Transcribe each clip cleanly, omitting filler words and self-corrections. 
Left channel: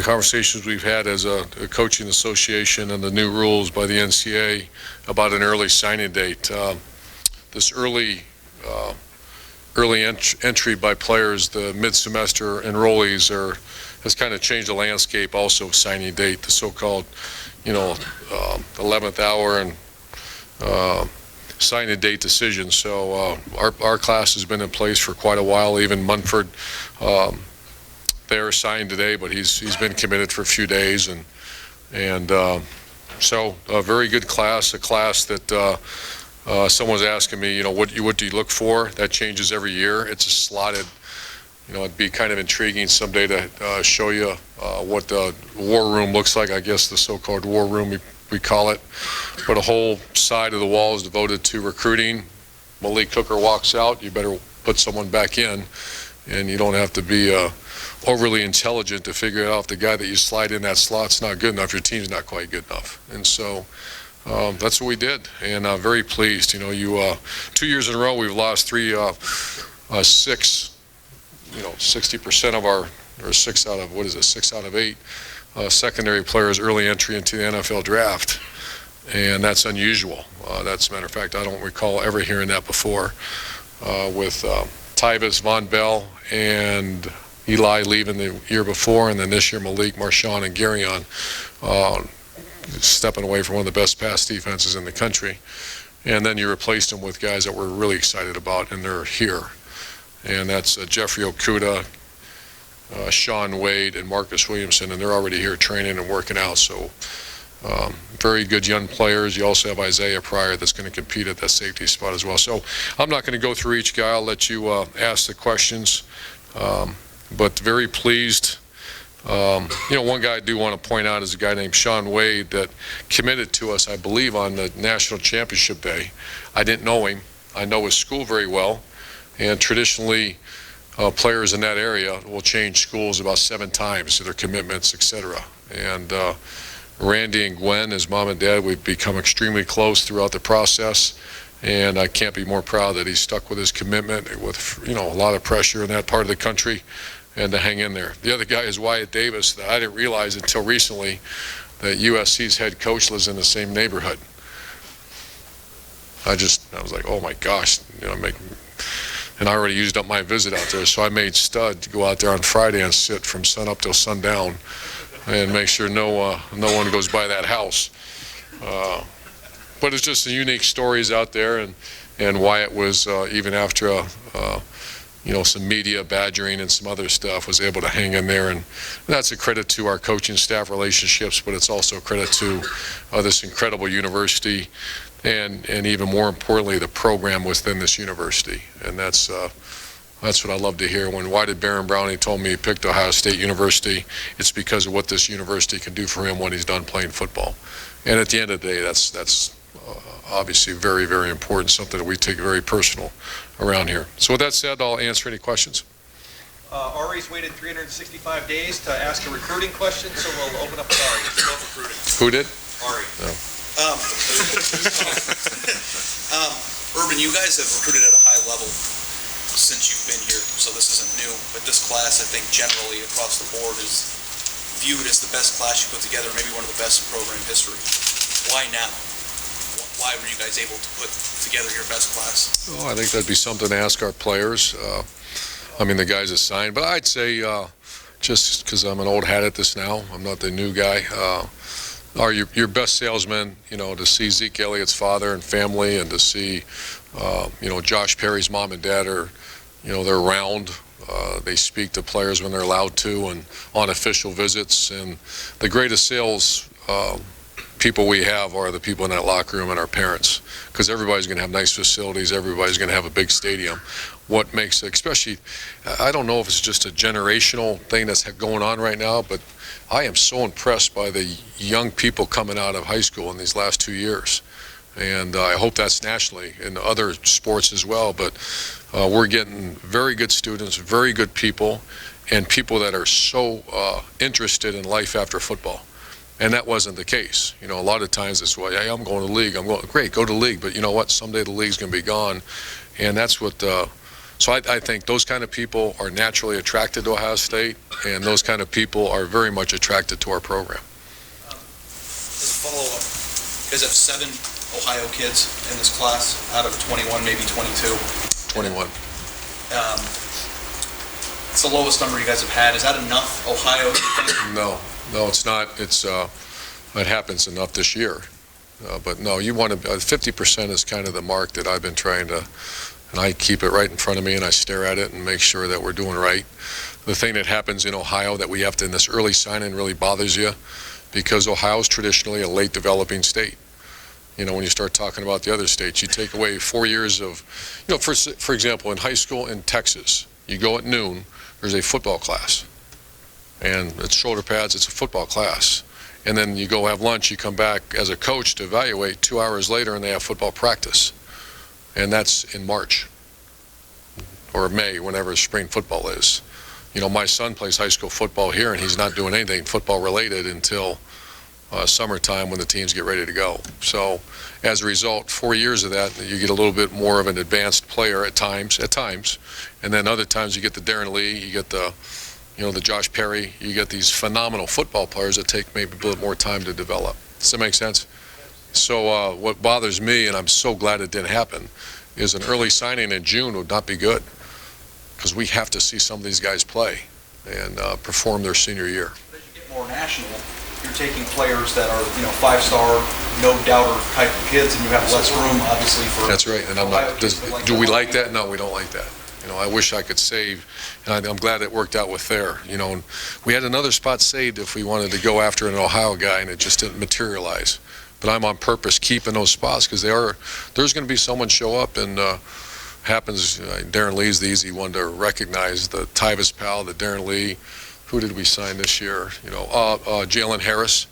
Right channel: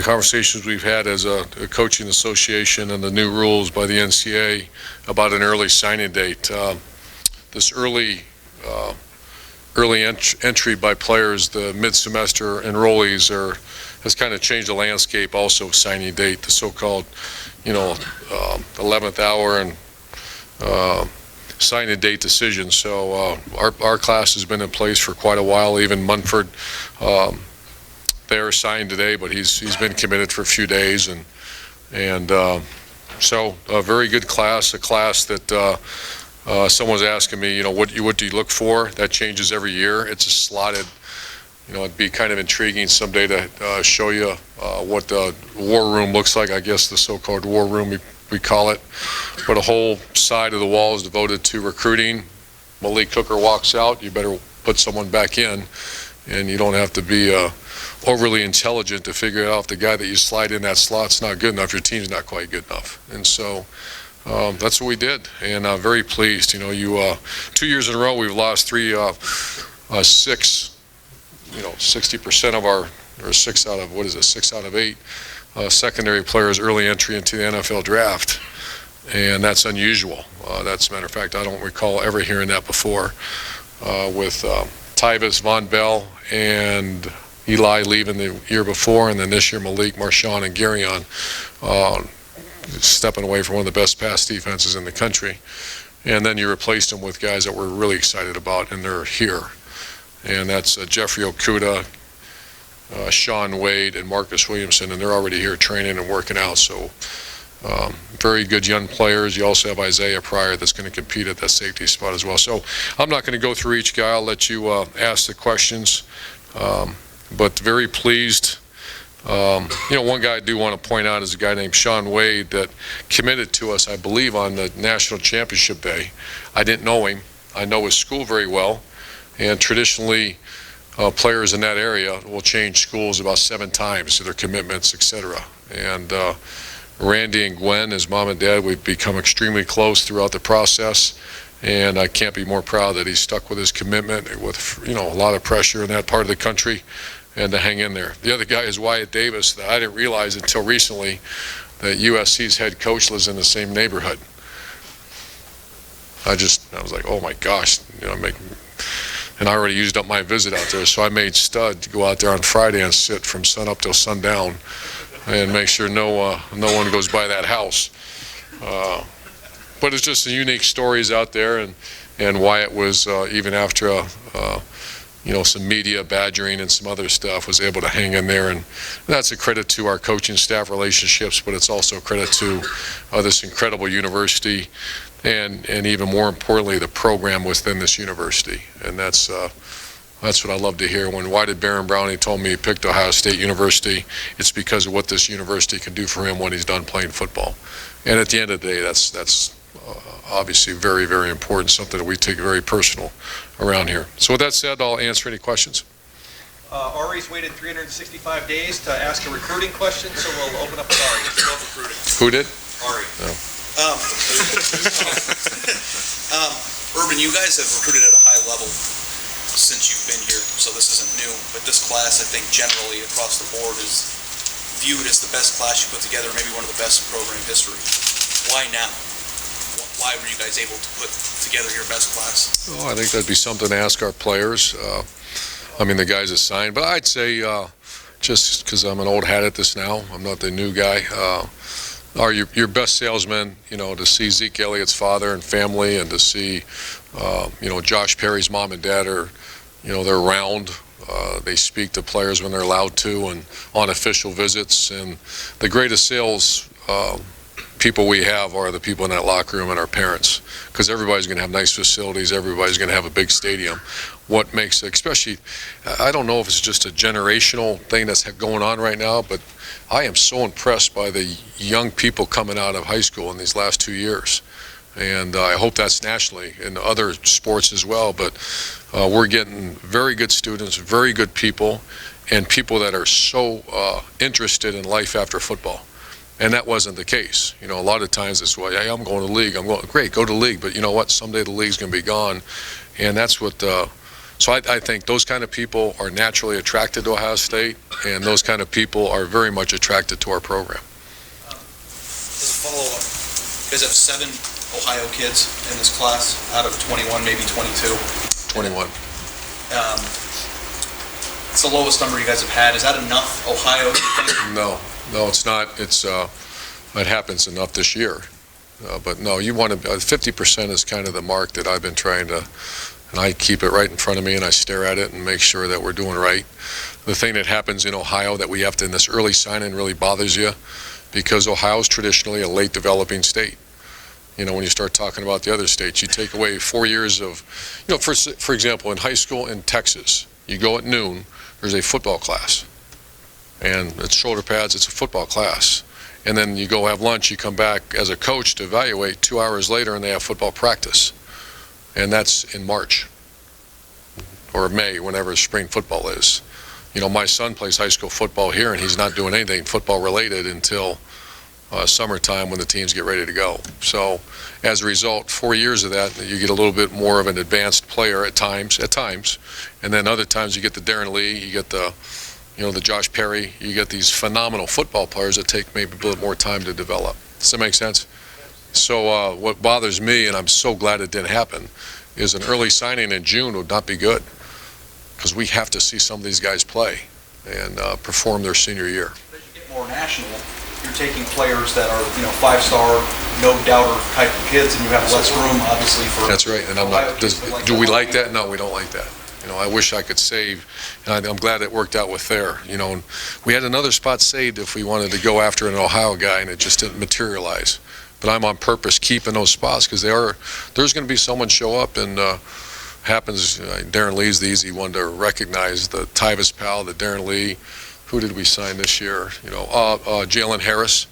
the conversations we've had as a coaching association and the new rules by the NCAA about an early signing date. This early entry by players, the mid-semester enrollees, has kind of changed the landscape. Also, signing date, the so-called, 11th hour and signing date decision. So our class has been in place for quite a while. Even Munford, they're signed today, but he's been committed for a few days, and so a very good class, a class that someone's asking me, what do you look for? That changes every year. It's a slotted. It'd be kind of intriguing someday to show you what the war room looks like. I guess the so-called war room we call it. But a whole side of the wall is devoted to recruiting. Malik Hooker walks out, you better put someone back in, and you don't have to be overly intelligent to figure out if the guy that you slide in that slot's not good enough, your team's not quite good enough. And so that's what we did, and I'm very pleased. 2 years in a row we've lost 60% of our, or 6 out of 8 secondary players early entry into the NFL draft, and that's unusual. That's a matter of fact, I don't recall ever hearing that before, with Tyvis, Von Bell, and Eli leaving the year before, and then this year Malik, Marshawn, and Garyon stepping away from one of the best pass defenses in the country. And then you replaced them with guys that we're really excited about, and they're here. And that's Jeffrey Okudah, Sean Wade, and Marcus Williamson, and they're already here training and working out. So very good young players. You also have Isaiah Pryor that's going to compete at that safety spot as well. So I'm not going to go through each guy. I'll let you ask the questions. But very pleased. One guy I do want to point out is a guy named Sean Wade that committed to us, I believe, on the national championship day. I didn't know him. I know his school very well. And traditionally, players in that area will change schools about 7 times to their commitments, etc. And Randy and Gwen, his mom and dad, we've become extremely close throughout the process. And I can't be more proud that he stuck with his commitment with, a lot of pressure in that part of the country, and to hang in there. The other guy is Wyatt Davis. That I didn't realize until recently that USC's head coach lives in the same neighborhood. I was like, oh my gosh, and I already used up my visit out there, so I made Stud to go out there on Friday and sit from sun up till sundown and make sure no one goes by that house. But it's just the unique stories out there, and Wyatt was, even after some media badgering and some other stuff, was able to hang in there, and that's a credit to our coaching staff relationships, but it's also a credit to this incredible university, and even more importantly, the program within this university. And that's what I love to hear. When Why Did Baron Browning told me he picked Ohio State University, it's because of what this university can do for him when he's done playing football. And at the end of the day, that's obviously very, very important, something that we take very personal around here. So with that said, I'll answer any questions. Ari's waited 365 days to ask a recruiting question, so we'll open up with Ari. Who did? Ari. No. Urban, you guys have recruited at a high level since you've been here, so this isn't new, but this class, I think, generally across the board is viewed as the best class you put together, maybe one of the best in program history. Why now? Why were you guys able to put together your best class? Oh, I think that'd be something to ask our players. The guys assigned, but I'd say, just because I'm an old hat at this now, I'm not the new guy, are your best salesmen, to see Zeke Elliott's father and family, and to see, Josh Perry's mom and dad are, they're around. They speak to players when they're allowed to, and on official visits. And the greatest sales people we have are the people in that locker room and our parents, because everybody's going to have nice facilities, everybody's going to have a big stadium. What makes it, especially, I don't know if it's just a generational thing that's going on right now, but I am so impressed by the young people coming out of high school in these last 2 years. And I hope that's nationally in other sports as well, but we're getting very good students, very good people, and people that are so interested in life after football. And that wasn't the case. A lot of times it's, well, hey, I'm going to the league. I'm going, great, go to the league. But you know what? Someday the league's going to be gone. And that's what So I think those kind of people are naturally attracted to Ohio State, and those kind of people are very much attracted to our program. As a follow-up, you guys have 7 Ohio kids in this class out of 21, maybe 22. 21. It's the lowest number you guys have had. Is that enough, Ohio? No, it's not. It happens enough this year. But no, you want to, 50% is kind of the mark that I've been trying to, and I keep it right in front of me and I stare at it and make sure that we're doing right. The thing that happens in Ohio that we have to, in this early sign-in really bothers you, because Ohio is traditionally a late developing state. You know, when you start talking about the other states, you take away 4 years of, you know, for example, in high school in Texas, you go at noon, there's a football class. And it's shoulder pads, it's a football class. And then you go have lunch, you come back as a coach to evaluate 2 hours later and they have football practice. And that's in March or May, whenever spring football is. You know, my son plays high school football here and he's not doing anything football related until summertime when the teams get ready to go. So as a result, 4 years of that, you get a little bit more of an advanced player at times, and then other times you get the Darren Lee, you get the, you know, the Josh Perry, you get these phenomenal football players that take maybe a little more time to develop. Does that make sense? So what bothers me, and I'm so glad it didn't happen, is an early signing in June would not be good, because we have to see some of these guys play and perform their senior year. As you get more national, you're taking players that are, you know, 5-star, no doubter type of kids, and you have less room, obviously, for. That's right, and I'm not. Do we like that? No, we don't like that. You know, I wish I could save, and I'm glad it worked out with Thayer. You know, and we had another spot saved if we wanted to go after an Ohio guy, and it just didn't materialize. But I'm on purpose keeping those spots because there's going to be someone show up, and happens. Darren Lee's the easy one to recognize. The Tyvis Powell, the Darren Lee. Who did we sign this year? You know, Jalen Harris.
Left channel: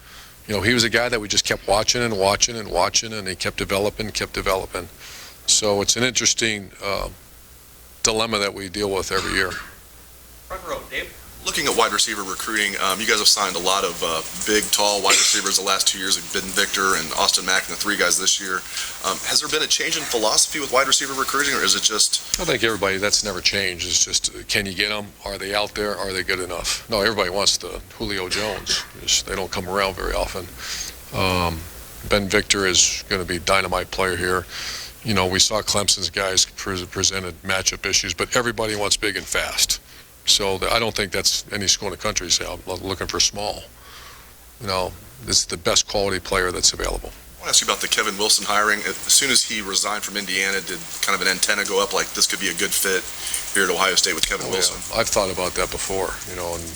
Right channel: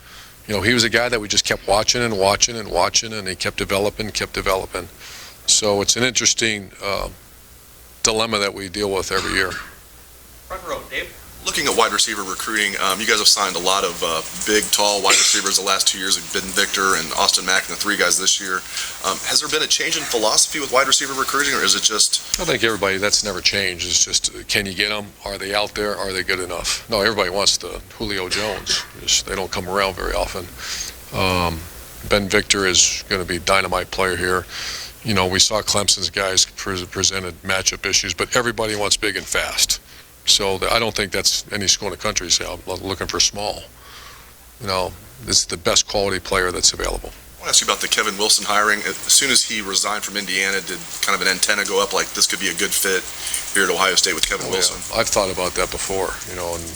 You know, he was a guy that we just kept watching and watching and watching, and he kept developing. So it's an interesting dilemma that we deal with every year. Front row, Dave. Looking at wide receiver recruiting, you guys have signed a lot of big, tall wide receivers the last 2 years. We've been Victor and Austin Mack and the 3 guys this year. Has there been a change in philosophy with wide receiver recruiting, or is it just? I think everybody, that's never changed. It's just, can you get them? Are they out there? Are they good enough? No, everybody wants the Julio Jones. They don't come around very often. Ben Victor is going to be a dynamite player here. You know, we saw Clemson's guys presented matchup issues, but everybody wants big and fast. So I don't think that's any school in the country say, I'm looking for small. You know, this is the best quality player that's available. I want to ask you about the Kevin Wilson hiring. As soon as he resigned from Indiana, did kind of an antenna go up like this could be a good fit here at Ohio State with Kevin Wilson? Yeah. I've thought about that before, you know, and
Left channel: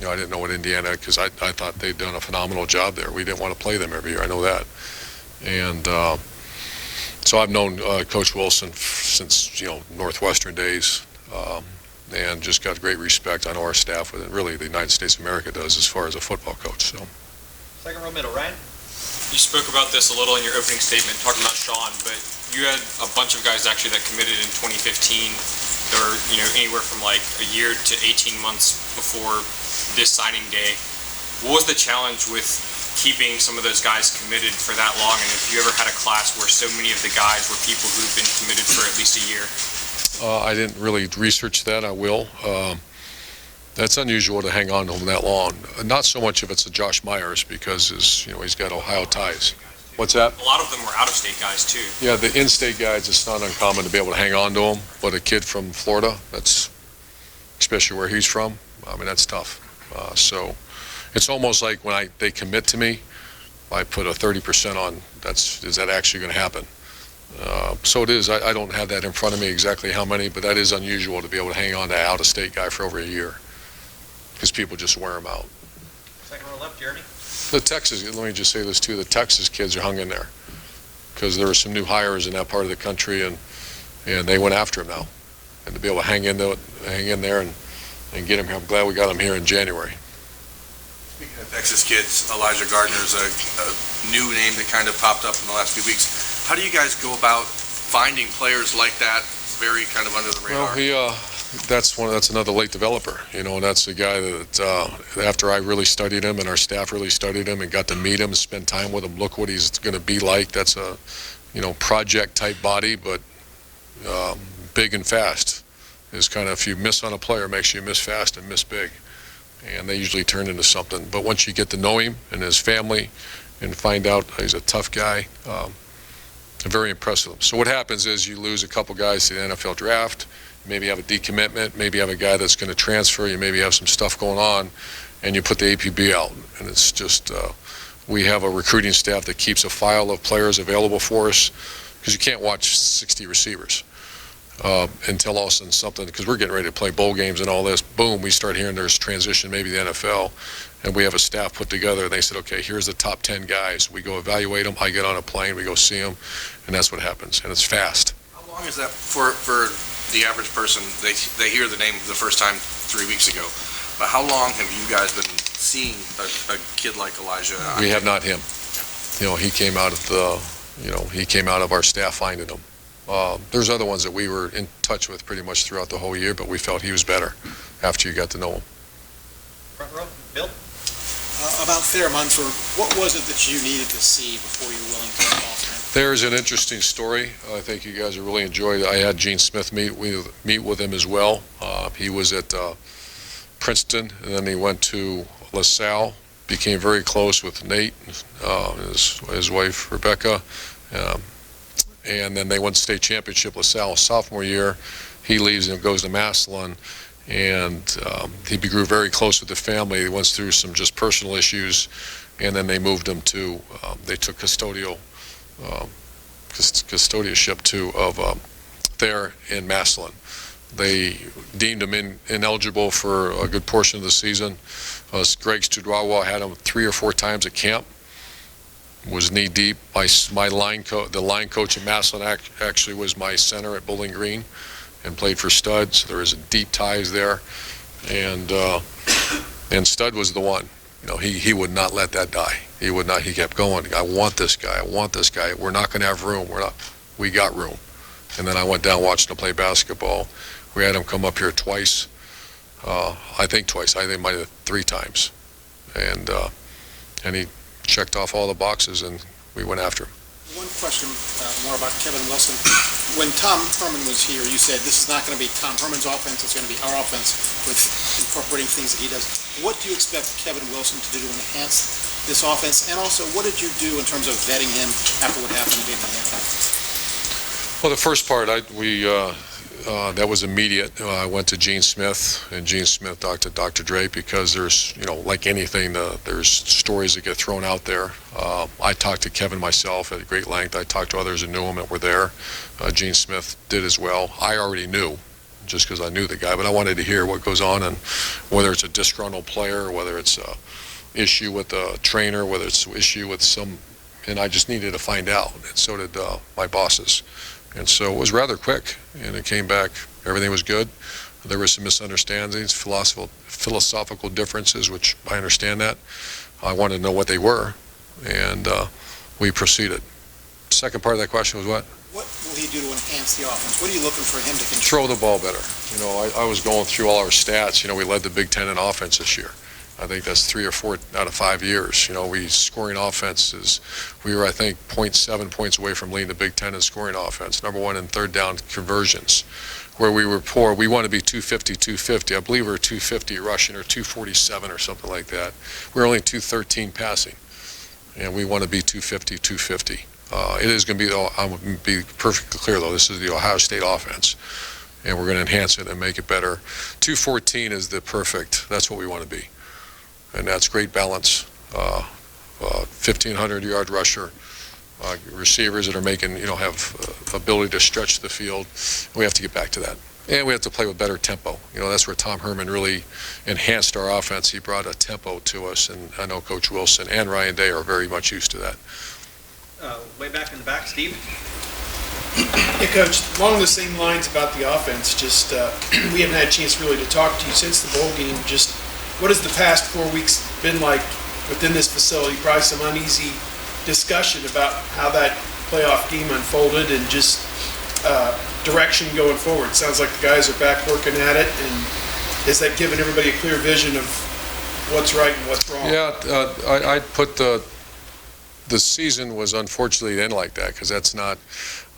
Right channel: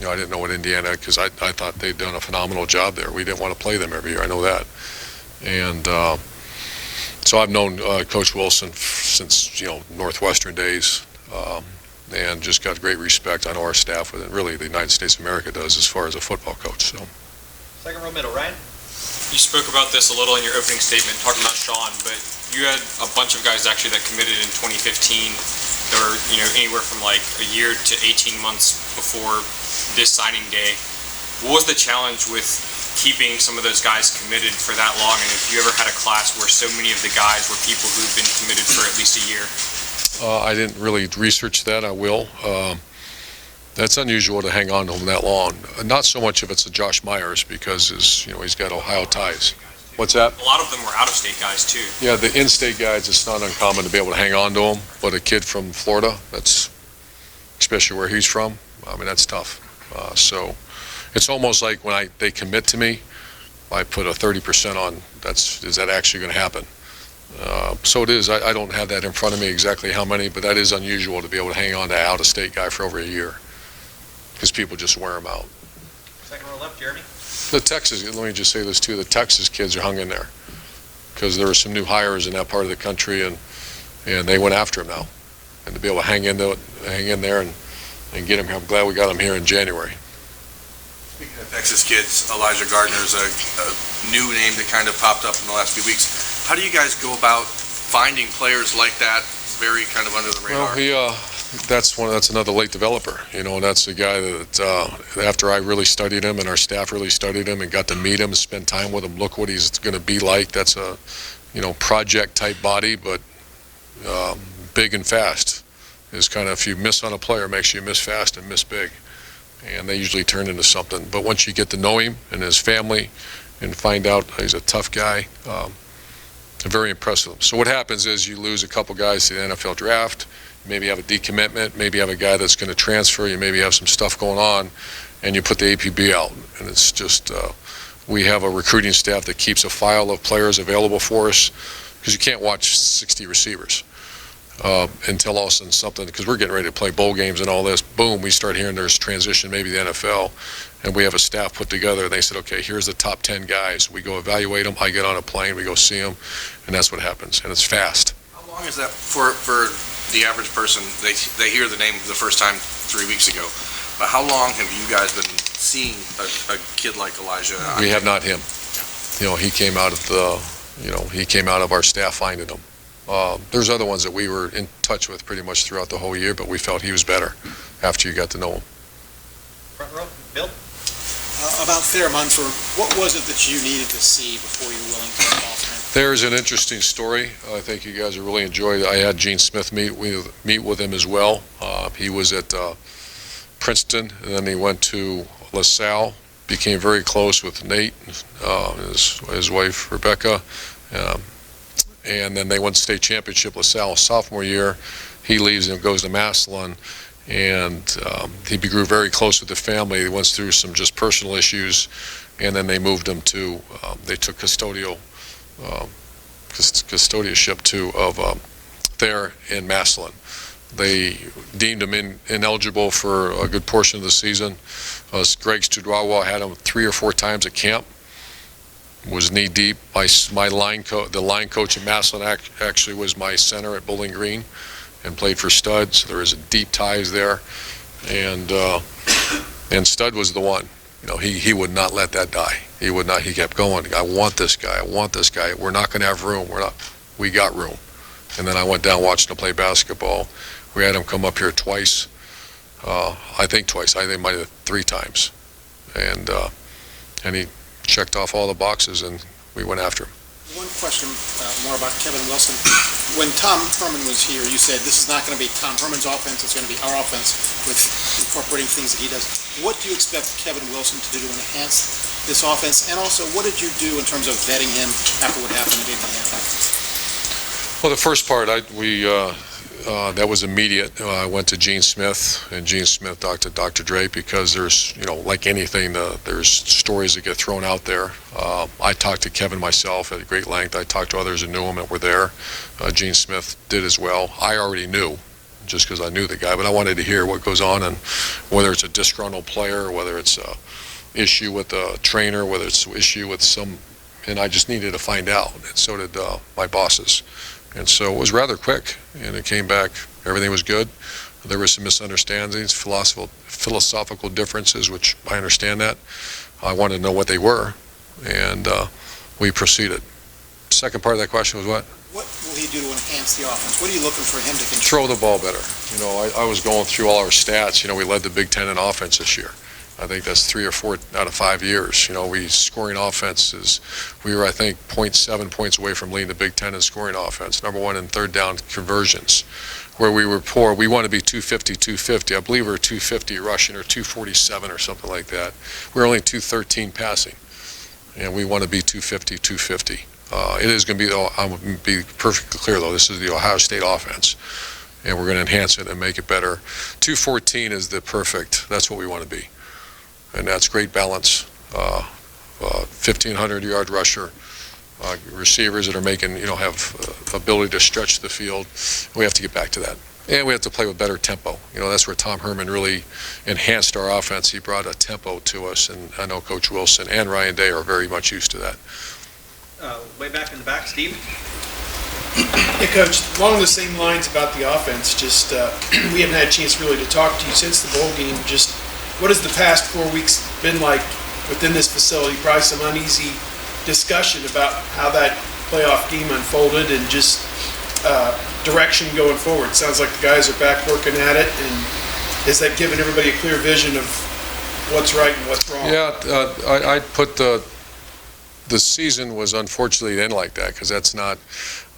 you know, I didn't know what Indiana, because I thought they'd done a phenomenal job there. We didn't want to play them every year. I know that. And so I've known Coach Wilson since, you know, Northwestern days. And just got great respect on our staff with it. Really, the United States of America does as far as a football coach. So, Second row middle, Ryan. You spoke about this a little in your opening statement, talking about Sean, but you had a bunch of guys actually that committed in 2015 that were, you know, anywhere from like a year to 18 months before this signing day. What was the challenge with keeping some of those guys committed for that long? And if you ever had a class where so many of the guys were people who've been committed for at least a year? I didn't really research that. I will. That's unusual to hang on to him that long. Not so much if it's a Josh Myers, because he's got Ohio ties. What's that? A lot of them were out-of-state guys too. Yeah, the in-state guys, it's not uncommon to be able to hang on to them. But a kid from Florida, that's, especially where he's from, I mean, that's tough. So it's almost like when they commit to me, I put a 30% on. Is that actually going to happen? So it is. I don't have that in front of me exactly how many, but that is unusual to be able to hang on to an out-of-state guy for over a year, because people just wear him out. Second row left, Jeremy. The Texas, let me just say this too, the Texas kids are hung in there because there were some new hires in that part of the country, and they went after him now. And to be able to hang in there and get him here, I'm glad we got him here in January. Speaking of Texas kids, Elijah Gardner's a new name that kind of popped up in the last few weeks. How do you guys go about finding players like that, very kind of under the radar? Well, that's another late developer, and that's a guy that after I really studied him and our staff really studied him and got to meet him, spend time with him, look what he's going to be like. That's a project type body, but big and fast. Is kind of, if you miss on a player, it makes you miss fast and miss big. And they usually turn into something. But once you get to know him and his family and find out he's a tough guy, I'm very impressed with him. So what happens is you lose a couple guys to the NFL draft, maybe have a decommitment, maybe have a guy that's going to transfer, you maybe have some stuff going on, and you put the APB out. And it's just, we have a recruiting staff that keeps a file of players available for us, because you can't watch 60 receivers until all of a sudden something, because we're getting ready to play bowl games and all this, boom, we start hearing there's transition, maybe the NFL, and we have a staff put together, and they said, okay, here's the top 10 guys. We go evaluate them, I get on a plane, we go see them, and that's what happens, and it's fast. How long is that for the average person? They hear the name the first time 3 weeks ago, but how long have you guys been seeing a kid like Elijah? We have not him. You know, he came out of he came out of our staff finding him. There's other ones that we were in touch with pretty much throughout the whole year, but we felt he was better after you got to know him. Front row, Bill? About Thayer Munford, what was it that you needed to see before you were willing to involve him? There's an interesting story. I think you guys will really enjoy it. I had Gene Smith meet with him as well. He was at Princeton, and then he went to LaSalle, became very close with Nate, his wife Rebecca, and then they won the state championship LaSalle sophomore year. He leaves and goes to Massillon, and he grew very close with the family. He went through some just personal issues, and then they moved him to, they took custodialship of Thayer in Massillon. They deemed him ineligible for a good portion of the season. Greg Studrawa had him 3 or 4 times at camp. Was knee deep. The line coach in Massillon actually was my center at Bowling Green, and played for Stud. So there is deep ties there, and Stud was the one. You know, he would not let that die. He would not. He kept going. I want this guy. I want this guy. We're not going to have room. We got room. And then I went down watching him play basketball. We had him come up here twice. I think twice. I think might have 3 times, and he checked off all the boxes, and we went after him. One question more about Kevin Wilson. When Tom Herman was here, you said this is not going to be Tom Herman's offense, it's going to be our offense with incorporating things that he does. What do you expect Kevin Wilson to do to enhance this offense? And also, what did you do in terms of vetting him after what happened at Indiana? Well, the first part, that was immediate. I went to Gene Smith, and Gene Smith talked to Dr. Drake, because there's, like anything, there's stories that get thrown out there. I talked to Kevin myself at great length. I talked to others who knew him and were there. Gene Smith did as well. I already knew, just because I knew the guy, but I wanted to hear what goes on, and whether it's a disgruntled player, whether it's a issue with a trainer, whether it's an issue with and I just needed to find out, and so did my bosses. And so it was rather quick, and it came back, everything was good. There were some misunderstandings, philosophical differences, which I understand that. I wanted to know what they were, and we proceeded. Second part of that question was what? What will he do to enhance the offense? What are you looking for him to control? Throw the ball better. I was going through all our stats. We led the Big Ten in offense this year. I think that's 3 or 4 out of 5 years. We scoring offenses. We were, I think, 0.7 points away from leading the Big Ten in scoring offense. Number 1 in third down conversions. Where we were poor, we want to be 250, 250. I believe we were 250 rushing or 247 or something like that. We're only 213 passing, and we want to be 250, 250. It is going to be, I'm going to be perfectly clear though, this is the Ohio State offense, and we're going to enhance it and make it better. 214 is the perfect, that's what we want to be. And that's great balance, 1,500-yard rusher, receivers that are making, have ability to stretch the field. We have to get back to that. And we have to play with better tempo. That's where Tom Herman really enhanced our offense. He brought a tempo to us, and I know Coach Wilson and Ryan Day are very much used to that. Way back in the back, Steve? Hey, Coach, along the same lines about the offense, just we haven't had a chance really to talk to you since the bowl game. Just what has the past 4 weeks been like within this facility? Probably some uneasy discussion about how that playoff game unfolded and just direction going forward. Sounds like the guys are back working at it, and has that given everybody a clear vision of what's right and what's wrong? Yeah, I'd put the the season was unfortunately ended like that, because that's not,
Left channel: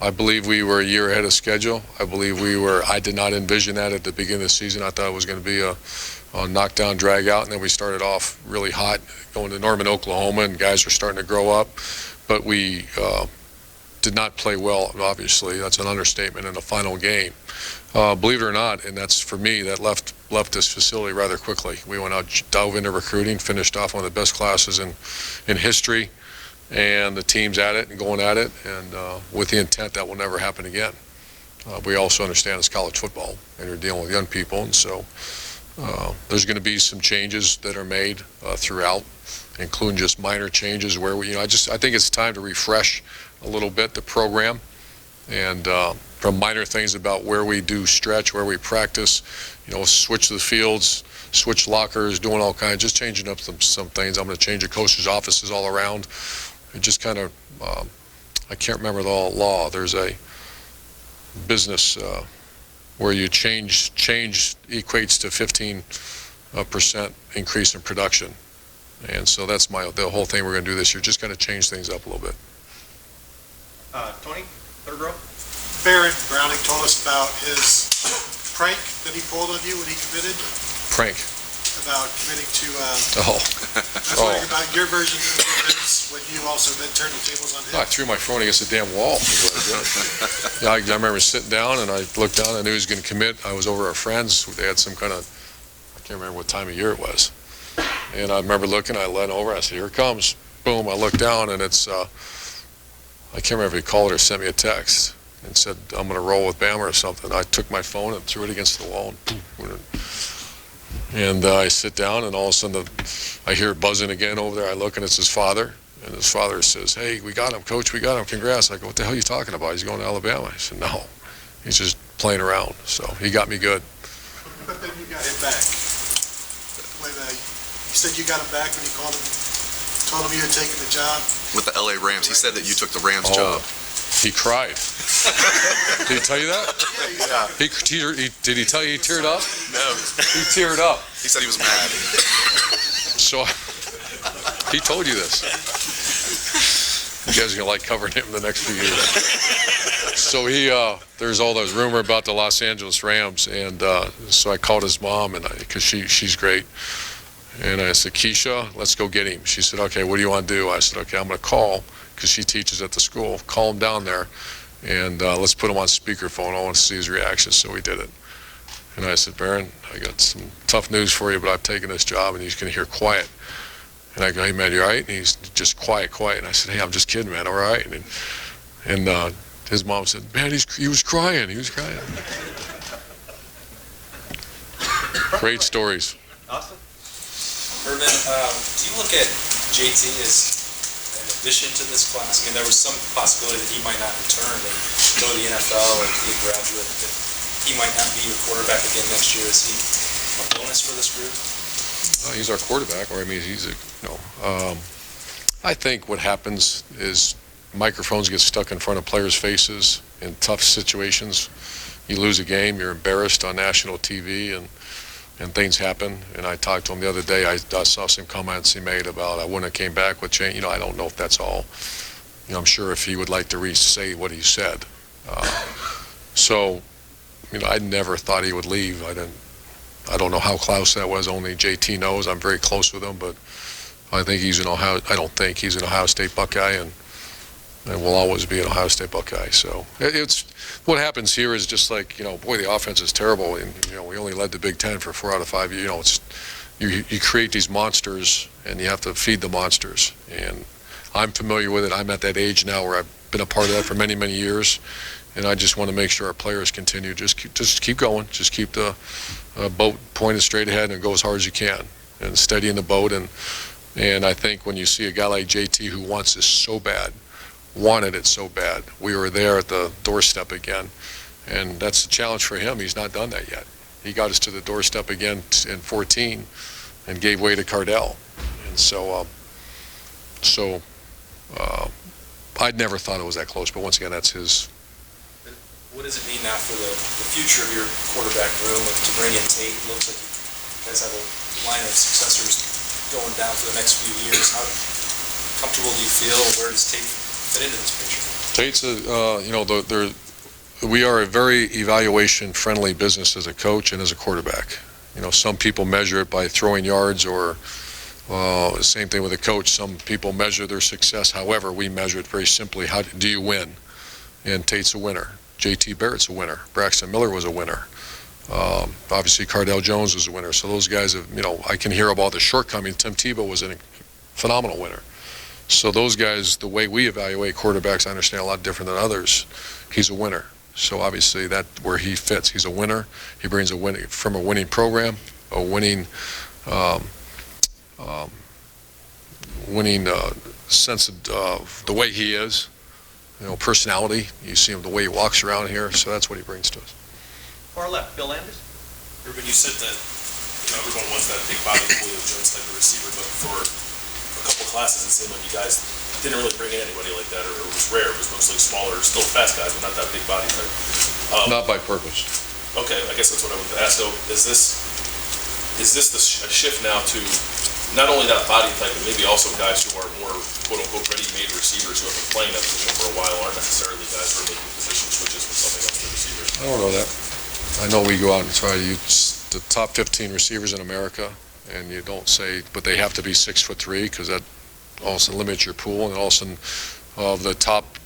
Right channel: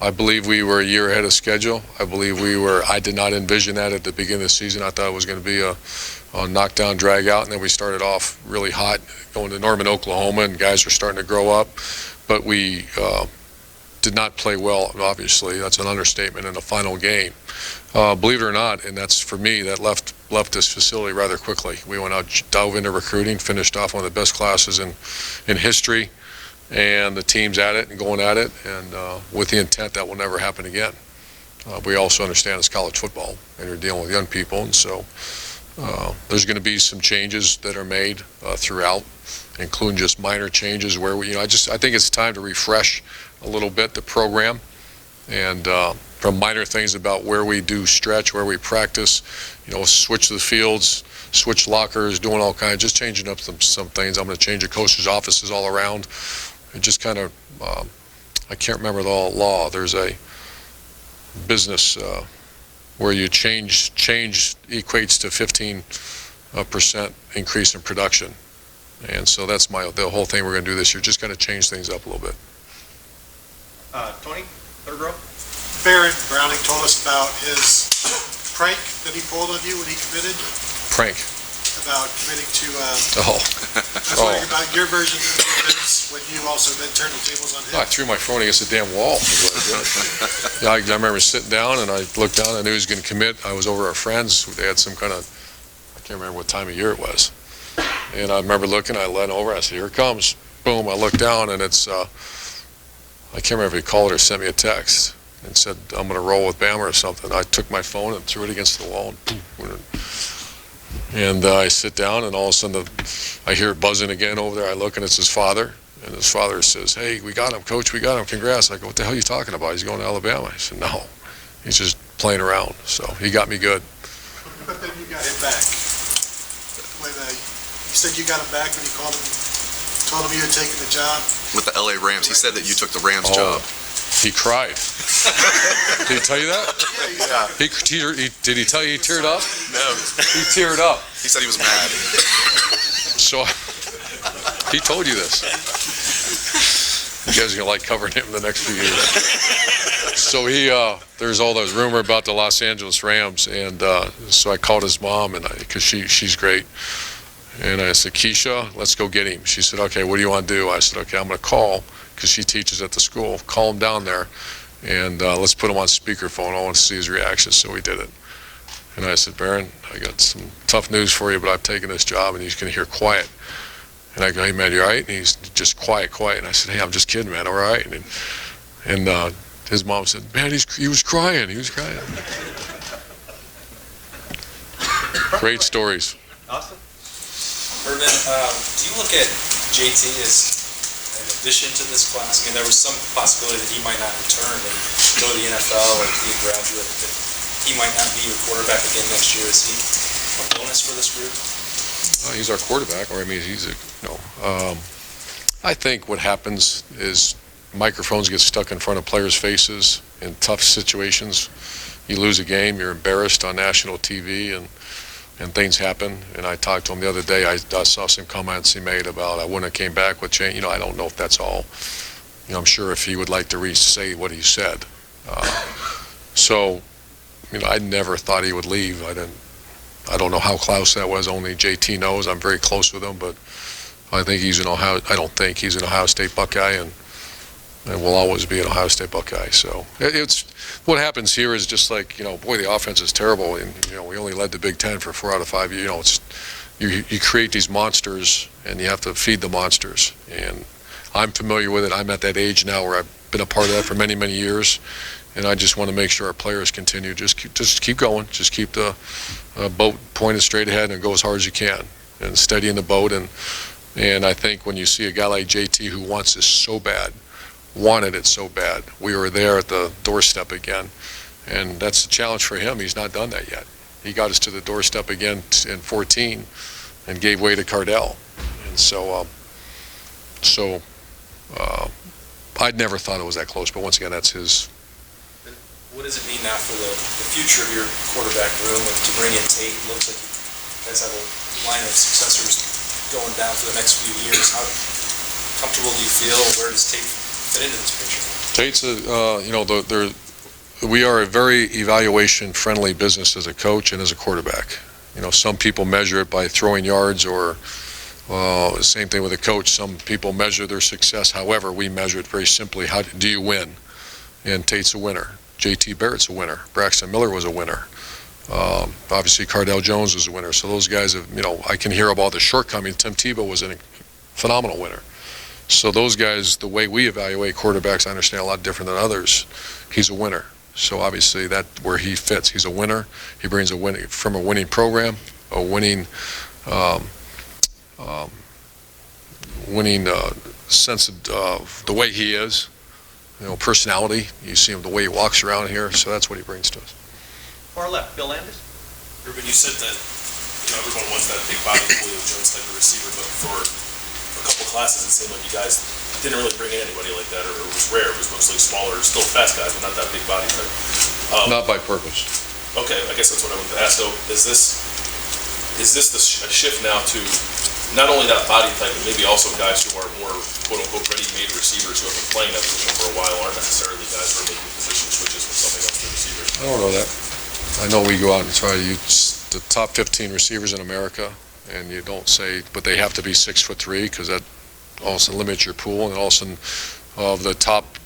I believe we were a year ahead of schedule. I did not envision that at the beginning of the season. I thought it was going to be a knockdown, drag out, and then we started off really hot going to Norman, Oklahoma, and guys were starting to grow up. But we did not play well, obviously. That's an understatement in the final game. Believe it or not, and that's for me, that left this facility rather quickly. We went out, dove into recruiting, finished off one of the best classes in history, and the team's at it and going at it, and with the intent that will never happen again. We also understand it's college football, and you're dealing with young people, and so there's going to be some changes that are made throughout, including just minor changes where I think it's time to refresh a little bit the program, and from minor things about where we do stretch, where we practice, switch the fields, switch lockers, doing all kinds, just changing up some things. I'm going to change the coaches' offices all around. It just kind of, I can't remember the law. There's a business where you change equates to 15% increase in production. And so that's the whole thing we're going to do this year, just kind of change things up a little bit. Tony, third row. Barrett Browning told us about his prank that he pulled on you when he committed, Prank. about committing to, Oh. I was wondering about your version of events when you also then turned the tables on him. I threw my phone against the damn wall. Yeah, I remember sitting down, and I looked down, I knew he was going to commit. I was over at our friends. They had some kind of, I can't remember what time of year it was. And I remember looking, I leaned over, I said, here it comes. Boom, I looked down, and it's, I can't remember if he called or sent me a text and said, I'm going to roll with Bama or something. I took my phone and threw it against the wall, and I sit down, and all of a sudden I hear it buzzing again over there. I look, and it's his father, and his father says, hey, we got him, coach, we got him, congrats. I go, what the hell are you talking about? He's going to Alabama. I said, no, he's just playing around. So he got me good. But then you got him back. When you said you got him back when you called him, told him you had taken the job. With the LA Rams, he said that you took the Rams job. He cried. Did he tell you that? Yeah. Did he tell you he teared up? No. He teared up. He said he was mad. So he told you this. You guys are gonna like covering him the next few years. So there's all those rumor about the Los Angeles Rams, and so I called his mom, and because she's great, and I said, Keisha, let's go get him. She said, okay, what do you want to do? I said, okay, I'm gonna call, because she teaches at the school. Call him down there, and let's put him on speakerphone. I want to see his reaction. So we did it. And I said, Baron, I got some tough news for you, but I've taken this job, and he's going to hear quiet. And I go, hey, man, you all right? And he's just quiet. And I said, hey, I'm just kidding, man, all right? And his mom said, man, he was crying. He was crying. Great stories. Austin? Urban, do you look at JT as an addition to this class? I mean, there was some possibility that he might not return and go to the NFL or be a graduate, but he might not be your quarterback again next year. Is he a bonus for this group? He's our quarterback, or I mean, I think what happens is microphones get stuck in front of players' faces in tough situations. You lose a game, you're embarrassed on national TV, and things happen. And I talked to him the other day. I saw some comments he made about I wouldn't have came back with change. I don't know if that's all. I'm sure if he would like to re-say what he said. So, I never thought he would leave. I don't know how close that was. Only JT knows. I'm very close with him, but I think he's an Ohio. I don't think he's an Ohio State Buckeye, and will always be an Ohio State Buckeye. So it's what happens here is just like boy, the offense is terrible, and we only led the Big Ten for 4 out of 5 years. It's you create these monsters, and you have to feed the monsters. And I'm familiar with it. I'm at that age now where I've been a part of that for many, many years, and I just want to make sure our players continue. Just keep going. Just keep the boat pointed straight ahead and go as hard as you can, and steady in the boat. And I think when you see a guy like JT who wants this so bad, wanted it so bad, we were there at the doorstep again, and that's a challenge for him. He's not done that yet. He got us to the doorstep again in 14 and gave way to Cardell. And so I'd never thought it was that close, but once again, that's his. What does it mean now for the future of your quarterback room to bring in Tate? It looks like you guys have a line of successors going down for the next few years. comfortable do you feel? Where does Tate fit into this picture? Tate's we are a very evaluation-friendly business as a coach and as a quarterback. Some people measure it by throwing yards, or same thing with a coach. Some people measure their success. However, we measure it very simply. How do you win? And Tate's a winner. J.T. Barrett's a winner. Braxton Miller was a winner. Obviously, Cardell Jones was a winner. So those guys have, I can hear about the shortcomings. Tim Tebow was a phenomenal winner. So those guys, the way we evaluate quarterbacks, I understand a lot different than others. He's a winner. So obviously that's where he fits. He's a winner. He brings from a winning program, a winning sense of the way he is, personality. You see him the way he walks around here. So that's what he brings to us. Far left, Bill Landis. Urban, you said that everyone wants that big body Julio Jones type of receiver, but for a couple classes it seemed like you guys didn't really bring in anybody like that, or it was rare. It was mostly smaller, still fast guys, but not that big body type. Not by purpose. Okay, I guess that's what I would ask. So is this a shift now to not only that body type, but maybe also guys who are more quote-unquote ready-made receivers who have been playing that position for a while, aren't necessarily guys who are making position switches from something else to receivers? I don't know that. I know we go out and try to use the top 15 receivers in America, and you don't say, but they have to be 6'3", because that also limits your pool. And also, of the top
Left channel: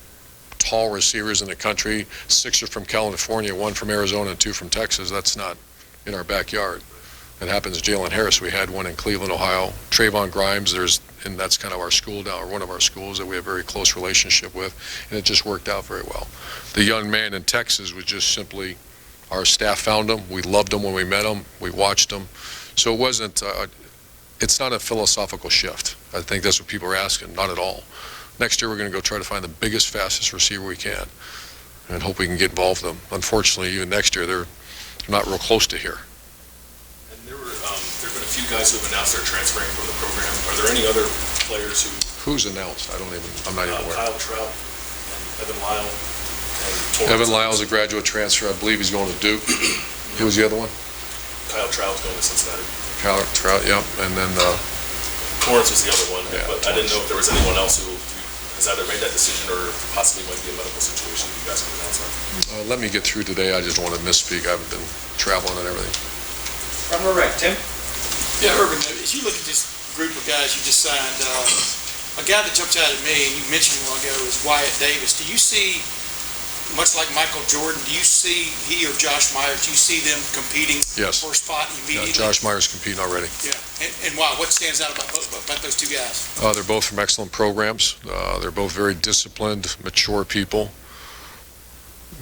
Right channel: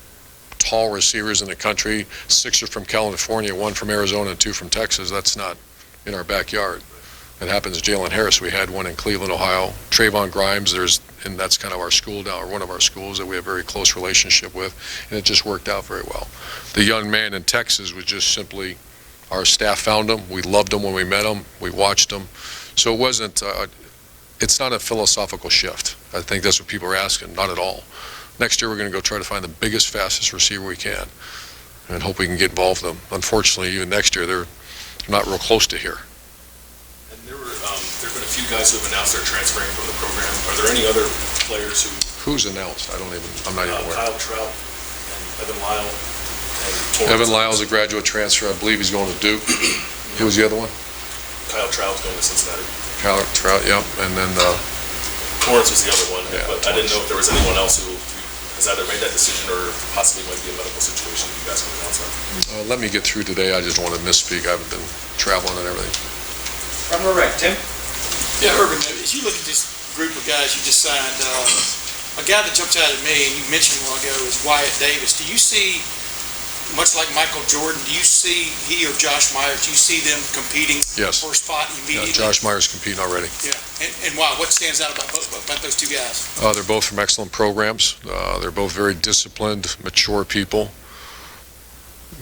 tall receivers in the country, 6 are from California, 1 from Arizona, and 2 from Texas. That's not in our backyard. It happens to Jalen Harris. We had one in Cleveland, Ohio. Trayvon Grimes, and that's kind of our school now, or one of our schools that we have a very close relationship with, and it just worked out very well. The young man in Texas was just simply, our staff found him. We loved him when we met him. We watched him. So it wasn't, it's not a philosophical shift. I think that's what people are asking. Not at all. Next year we're going to go try to find the biggest, fastest receiver we can and hope we can get involved with them. Unfortunately, even next year, they're not real close to here. And there have been a few guys who have announced they're transferring from the program. Are there any other players who... Who's announced? I'm not even aware. Kyle Trout and Evan Lyle. Evan Lyle's a graduate transfer. I believe he's going to Duke. Who was the other one? Kyle Trout's going to Cincinnati. Kyle Trout, yeah. And then... Torrance was the other one, yeah, but Torrance. I didn't know if there was anyone else who has either made that decision or possibly might be a medical situation you guys can announce on. Let me get through today. I just don't want to misspeak. I've been traveling and everything. From the right, Tim. Yeah, Urban, as you look at this group of guys you just signed, a guy that jumps out at me, and you mentioned a while ago, is Wyatt Davis. Do you see, much like Michael Jordan, do you see he or Josh Myers, do you see them competing Yes. for a spot immediately? Yeah, Josh Myers competing already. Yeah, and why? What stands out about those two guys? They're both from excellent programs. They're both very disciplined, mature people.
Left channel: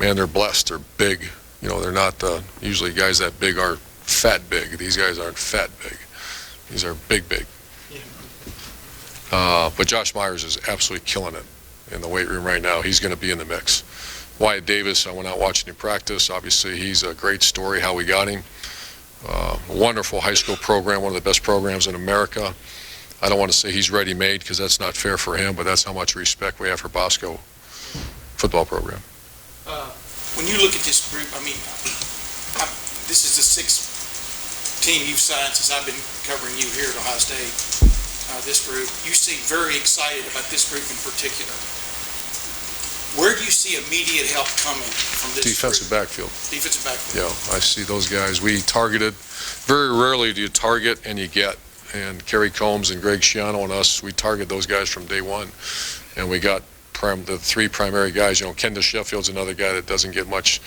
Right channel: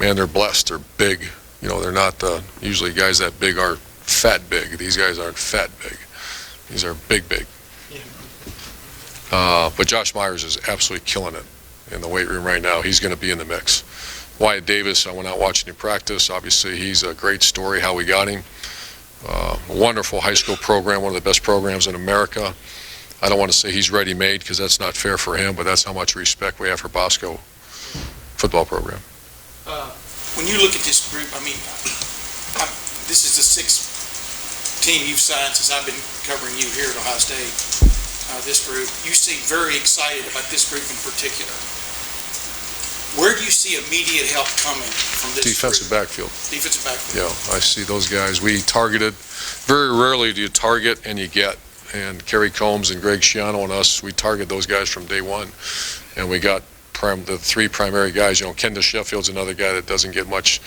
Man, they're blessed. They're big. They're not usually guys that big aren't fat big. These guys aren't fat big. These are big. But Josh Myers is absolutely killing it in the weight room right now. He's going to be in the mix. Wyatt Davis, I went out watching him practice. Obviously, he's a great story how we got him. Wonderful high school program, one of the best programs in America. I don't want to say he's ready-made because that's not fair for him, but that's how much respect we have for Bosco football program. When you look at this group, this is the sixth team you've signed since I've been covering you here at Ohio State. This group, you seem very excited about this group in particular. Where do you see immediate help coming from this Defensive group? backfield. Defensive backfield. Yeah, I see those guys. We targeted, very rarely do you target and you get. And Kerry Combs and Greg Schiano and us, we target those guys from day one. And we got the 3 primary guys. Kendall Sheffield's another guy that doesn't get much,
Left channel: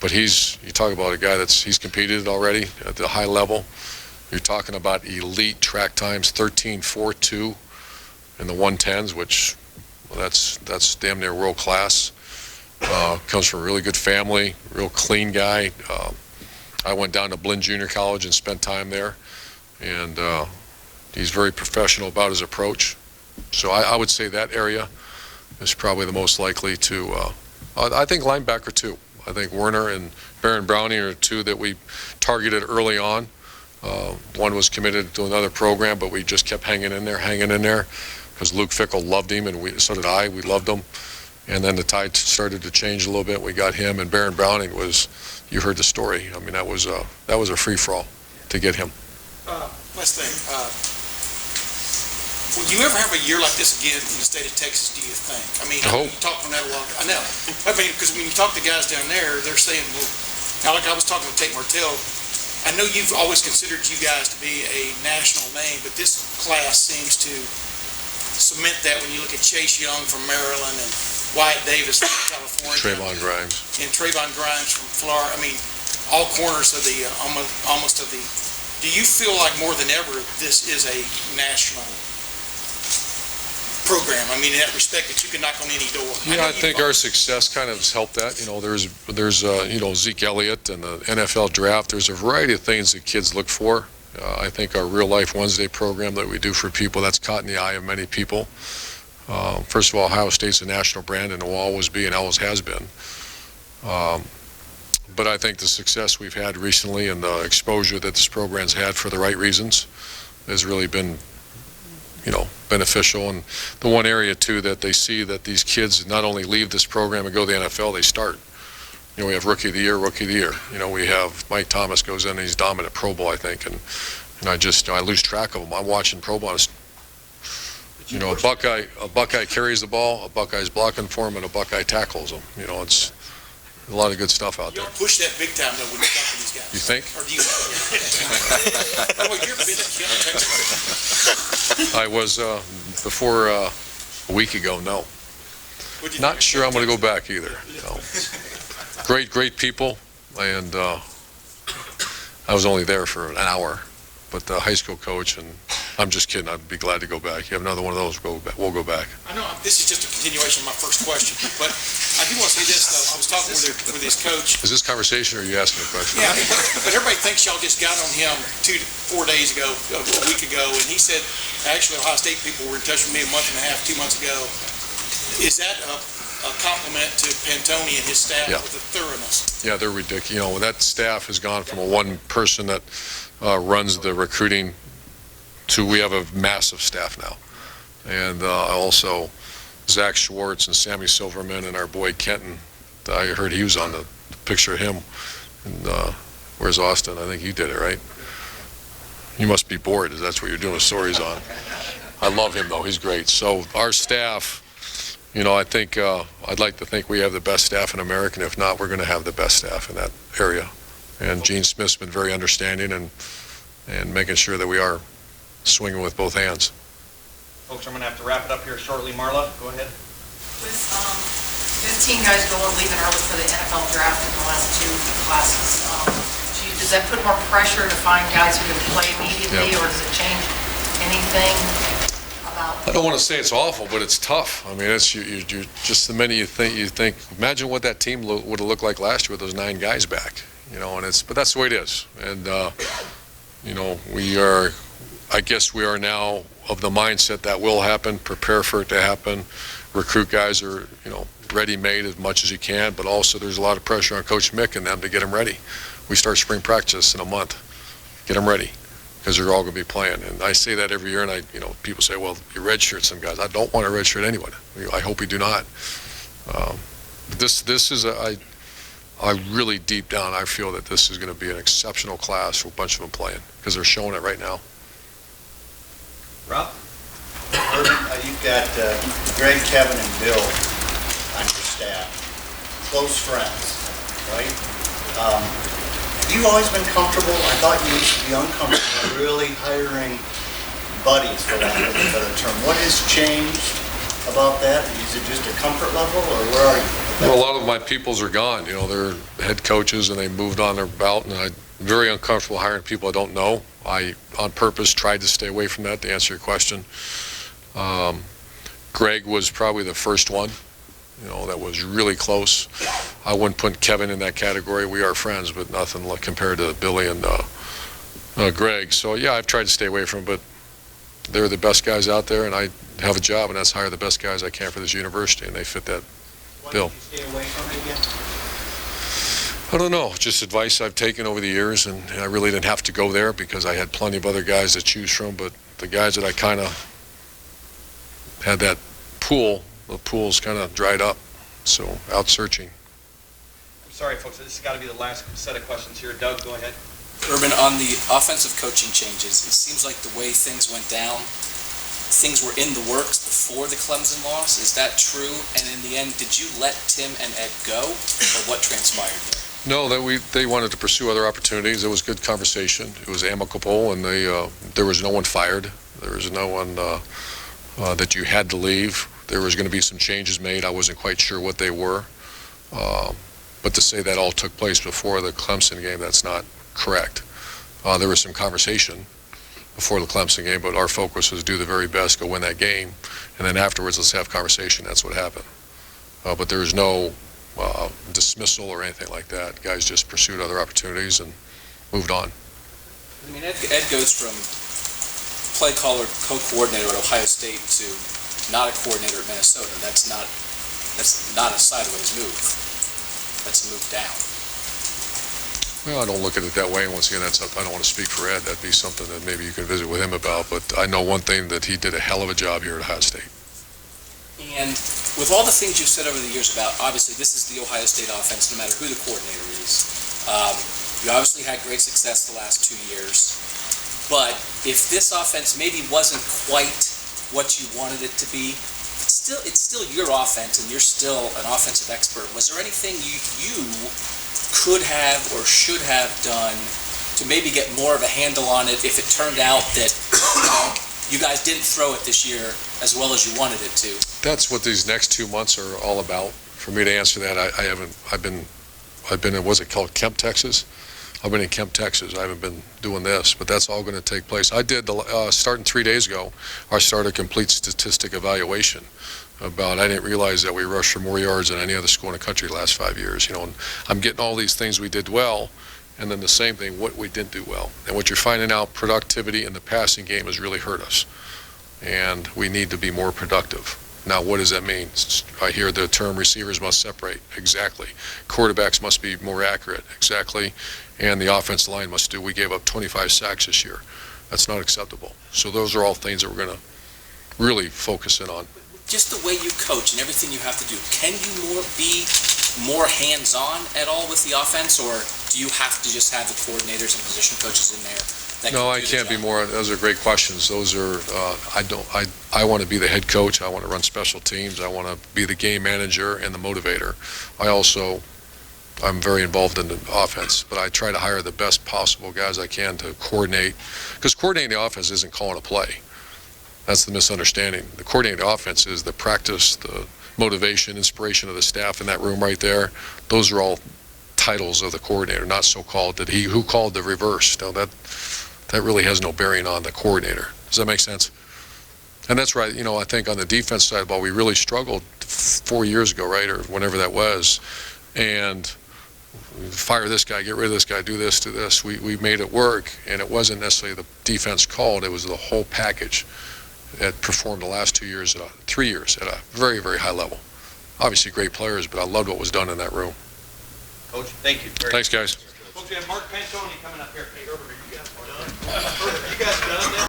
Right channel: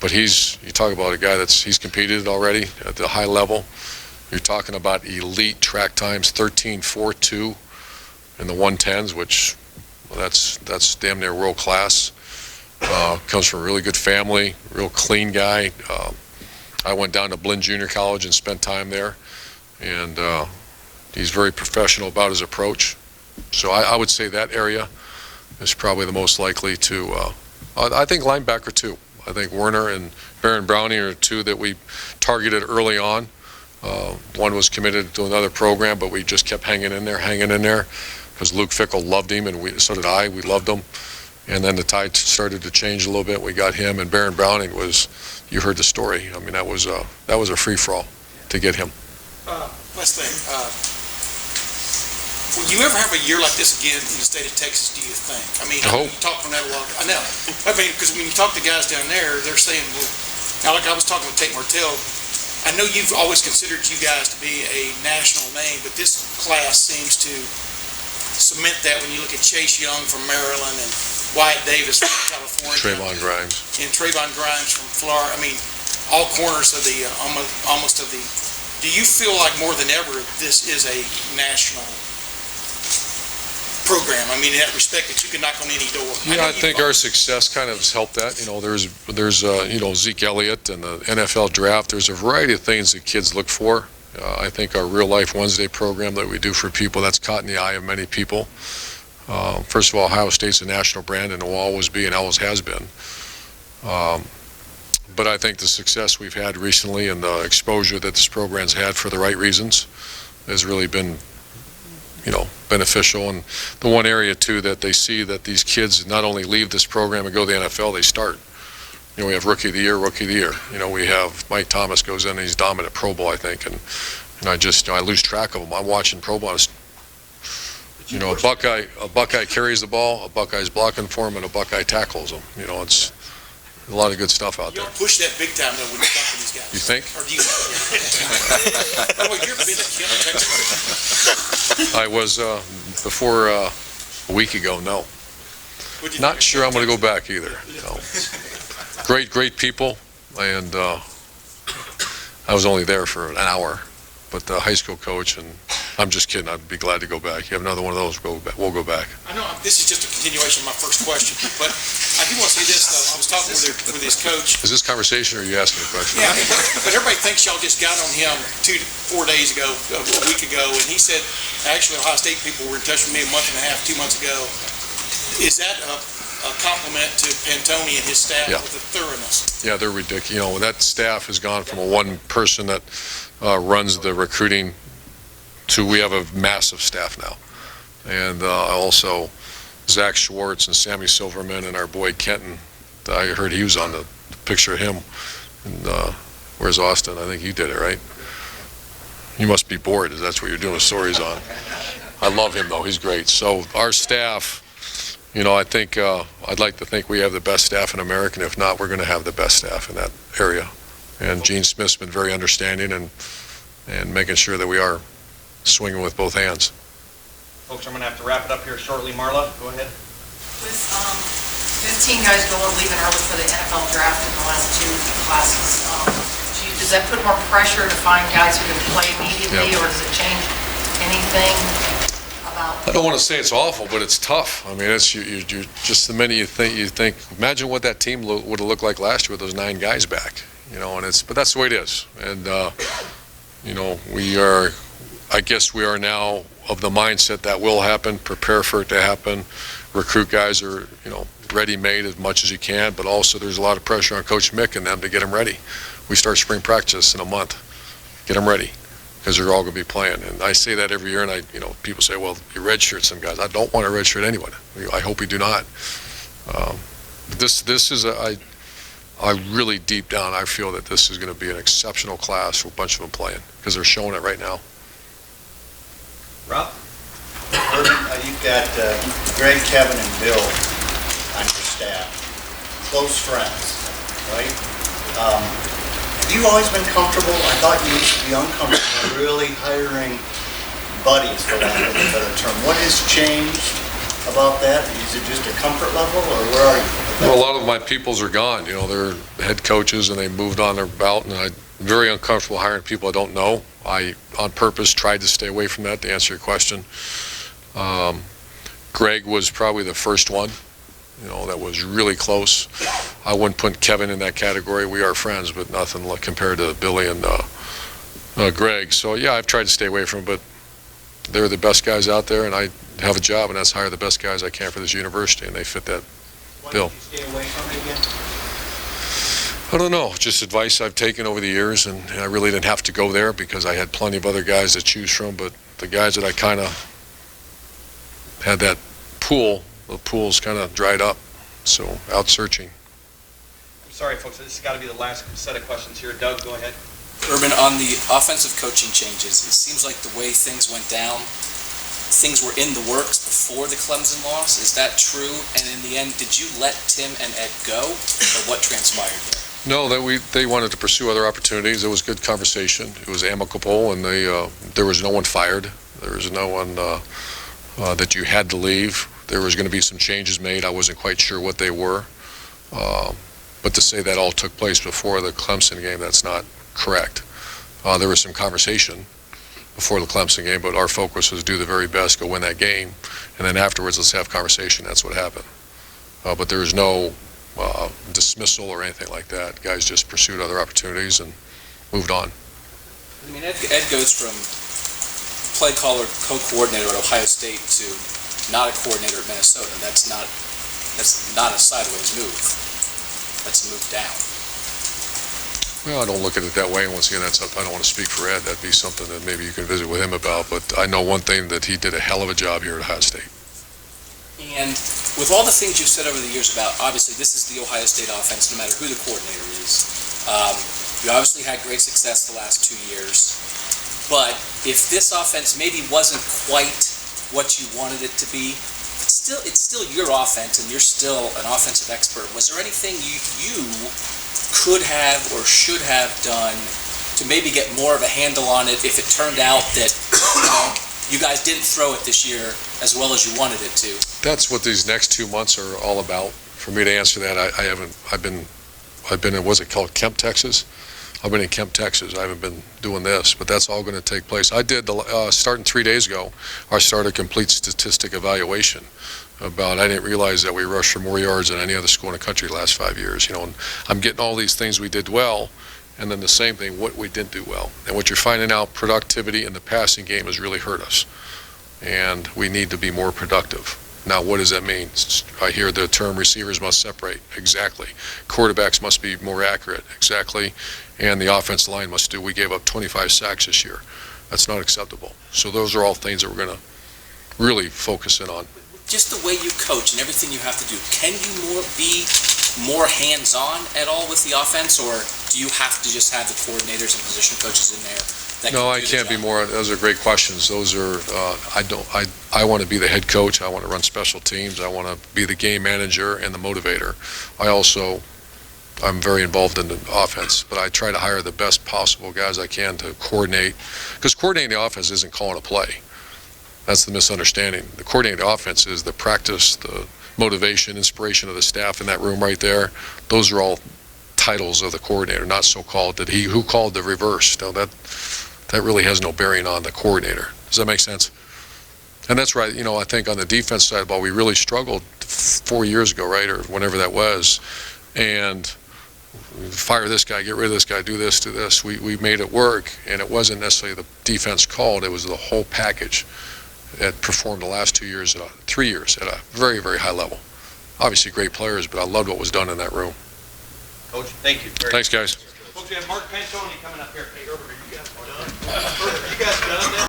but you talk about a guy he's competed already at the high level. You're talking about elite track times, 13.42 in the 110s, which that's damn near world class. Comes from a really good family, real clean guy. I went down to Blinn Junior College and spent time there, and he's very professional about his approach. So I would say that area is probably the most likely to. I think linebacker too. I think Werner and Baron Browning are 2 that we targeted early on. One was committed to another program, but we just kept hanging in there. Because Luke Fickell loved him, and so did I. We loved him. And then the tide started to change a little bit. We got him, and Baron Browning you heard the story. That was a free-for-all to get him. Last thing, Will you ever have a year like this again in the state of Texas, do you think? I mean, I hope. you talk on that a lot. I know. I mean, because when you talk to guys down there, they're saying, well, now like I was talking with Tate Martell, I know you've always considered you guys to be a national name, but this class seems to cement that when you look at Chase Young from Maryland and Wyatt Davis from California. Trayvon Grimes. And Trayvon Grimes from Florida. I mean, all corners of the, almost of the, do you feel like more than ever this is a national program? I mean, in that respect that you can knock on any door. Yeah, I think our success kind of has helped that. You know, there's Zeke Elliott and the NFL draft. There's a variety of things that kids look for. I think our Real Life Wednesday program that we do for people, that's caught in the eye of many people. First of all, Ohio State's a national brand and will always be and always has been. But I think the success we've had recently and the exposure that this program's had for the right reasons has really been, beneficial. And the one area, too, that they see that these kids not only leave this program and go to the NFL, they start. We have Rookie of the Year. We have Mike Thomas goes in and he's dominant Pro Bowl, I think. And I lose track of him. I'm watching Pro Bowl. A Buckeye carries the ball, a Buckeye's blocking for him, and a Buckeye tackles him. It's a lot of good stuff out You there. don't push that big time, though, when you talk to these guys. You think? Or do you? By the way, you've been to Kent, Texas. I was, before a week ago, no. What'd you Not think? sure I'm going to go back either. No. Great people, and I was only there for an hour, but the high school coach, and I'm just kidding, I'd be glad to go back. You have another one of those, we'll go back. I know, this is just a continuation of my first question, but I do want to say this, though. I was talking with his coach. Is this conversation, or are you asking a question? Yeah, but everybody thinks y'all just got on him 4 days ago, a week ago, and he said, actually, Ohio State people were in touch with me a month and a half, 2 months ago. Is that a compliment to Pantoni and his staff Yeah. with the thoroughness? Yeah, they're ridiculous. That staff has gone from a one person that runs the recruiting to we have a massive staff now. And also Zach Schwartz and Sammy Silverman and our boy Kenton. I heard he was on the picture of him. And where's Austin? I think you did it, right? You must be bored, if that's what you're doing stories on. I love him, though. He's great. So our staff, I think I'd like to think we have the best staff in America, and if not, we're going to have the best staff in that area. And Gene Smith's been very understanding and making sure that we are swinging with both hands. Folks, I'm going to have to wrap it up here shortly. Marla, go ahead. With 15 guys leaving early for the NFL draft in the last 2 classes, does that put more pressure to find guys who can play immediately, or does it change anything about? I don't want to say it's awful, but it's tough. I mean, it's you just the minute you think. Imagine what that team would have looked like last year with those 9 guys back. But that's the way it is. And we are. I guess we are now of the mindset that will happen. Prepare for it to happen. Recruit guys are ready-made as much as you can, but also there's a lot of pressure on Coach Mick and them to get them ready. We start spring practice in a month. Get them ready, because they're all going to be playing. And I say that every year, and people say, well, you redshirt some guys. I don't want to redshirt anyone. I hope we do not. This is I really deep down, I feel that this is going to be an exceptional class with a bunch of them playing, because they're showing it right now. Rob? You've got Greg, Kevin, and Bill on your staff, close friends, right? Have you always been comfortable? I thought you used to be uncomfortable really hiring buddies, for lack of a better term. What has changed about that? Is it just a comfort level, or where are you? Well, a lot of my peoples are gone. They're head coaches, and they moved on their belt, and I'm very uncomfortable hiring people I don't know. I, on purpose, tried to stay away from that, to answer your question. Greg was probably the first one, that was really close. I wouldn't put Kevin in that category. We are friends, but nothing like compared to Billy and Greg. So, yeah, I've tried to stay away from them, but they're the best guys out there, and I have a job, and that's hire the best guys I can for this university, and they fit that bill. Why did you stay away from it again? I don't know, just advice I've taken over the years, and I really didn't have to go there because I had plenty of other guys to choose from, but the guys that I kind of had that pool, the pool's kind of dried up, so out searching. I'm sorry, folks, this has got to be the last set of questions here. Doug, go ahead. Urban, on the offensive coaching changes, it seems like the way things went down things were in the works before the Clemson loss. Is that true? And in the end, did you let Tim and Ed go, or what transpired there? No, they wanted to pursue other opportunities. It was good conversation. It was amicable, and there was no one fired. There was no one that you had to leave. There was going to be some changes made. I wasn't quite sure what they were. But to say that all took place before the Clemson game, that's not correct. There was some conversation before the Clemson game, but our focus was do the very best, go win that game, and then afterwards let's have conversation. That's what happened. But there was no dismissal or anything like that. Guys just pursued other opportunities and moved on. I mean, Ed goes from play caller, co-coordinator at Ohio State to not a coordinator at Minnesota. That's not a sideways move. That's a move down. Well, I don't look at it that way. And once again, that's up. I don't want to speak for Ed. That'd be something that maybe you can visit with him about. But I know one thing, that he did a hell of a job here at Ohio State. And with all the things you've said over the years about, obviously, this is the Ohio State offense, no matter who the coordinator is. You obviously had great success the last 2 years. But if this offense maybe wasn't quite what you wanted it to be, it's still your offense, and you're still an offensive expert. Was there anything you could have or should have done to maybe get more of a handle on it if it turned out that you guys didn't throw it this year as well as you wanted it to? That's what these next 2 months are all about. For me to answer that, I've been in, what's it called, Kemp, Texas? I've been in Kemp, Texas. I haven't been doing this, but that's all going to take place. I did, starting 3 days ago, I started a complete statistic evaluation about, I didn't realize that we rushed for more yards than any other school in the country the last 5 years. And I'm getting all these things we did well, and then the same thing, what we didn't do well. And what you're finding out, productivity in the passing game has really hurt us. And we need to be more productive. Now, what does that mean? I hear the term receivers must separate. Exactly. Quarterbacks must be more accurate. Exactly. And the offensive line must do. We gave up 25 sacks this year. That's not acceptable. So those are all things that we're going to really focus in on. Just the way you coach and everything you have to do, can you be more hands-on at all with the offense, or do you have to just have the coordinators and position coaches in there? No, I can't be more. Those are great questions. Those are, I want to be the head coach. I want to run special teams. I want to be the game manager and the motivator. I'm very involved in the offense, but I try to hire the best possible guys I can to coordinate, because coordinating the offense isn't calling a play. That's the misunderstanding. The coordinating the offense is the practice, the motivation, inspiration of the staff in that room right there. Those are all titles of the coordinator, not so-called that who called the reverse. No, that really has no bearing on the coordinator. Does that make sense? And that's right. I think on the defense side of the ball, we really struggled 4 years ago, right, or whenever that was, and fire this guy, get rid of this guy, do this, do this. We made it work, and it wasn't necessarily the defense called. It was the whole package that performed the last 3 years at a very, very high level. Obviously great players, but I loved what was done in that room. Coach, thank you. Thanks, guys. Folks, we have Mark Pantoni coming up here. Hey, Urban, are you guys done? Urban, are you guys done?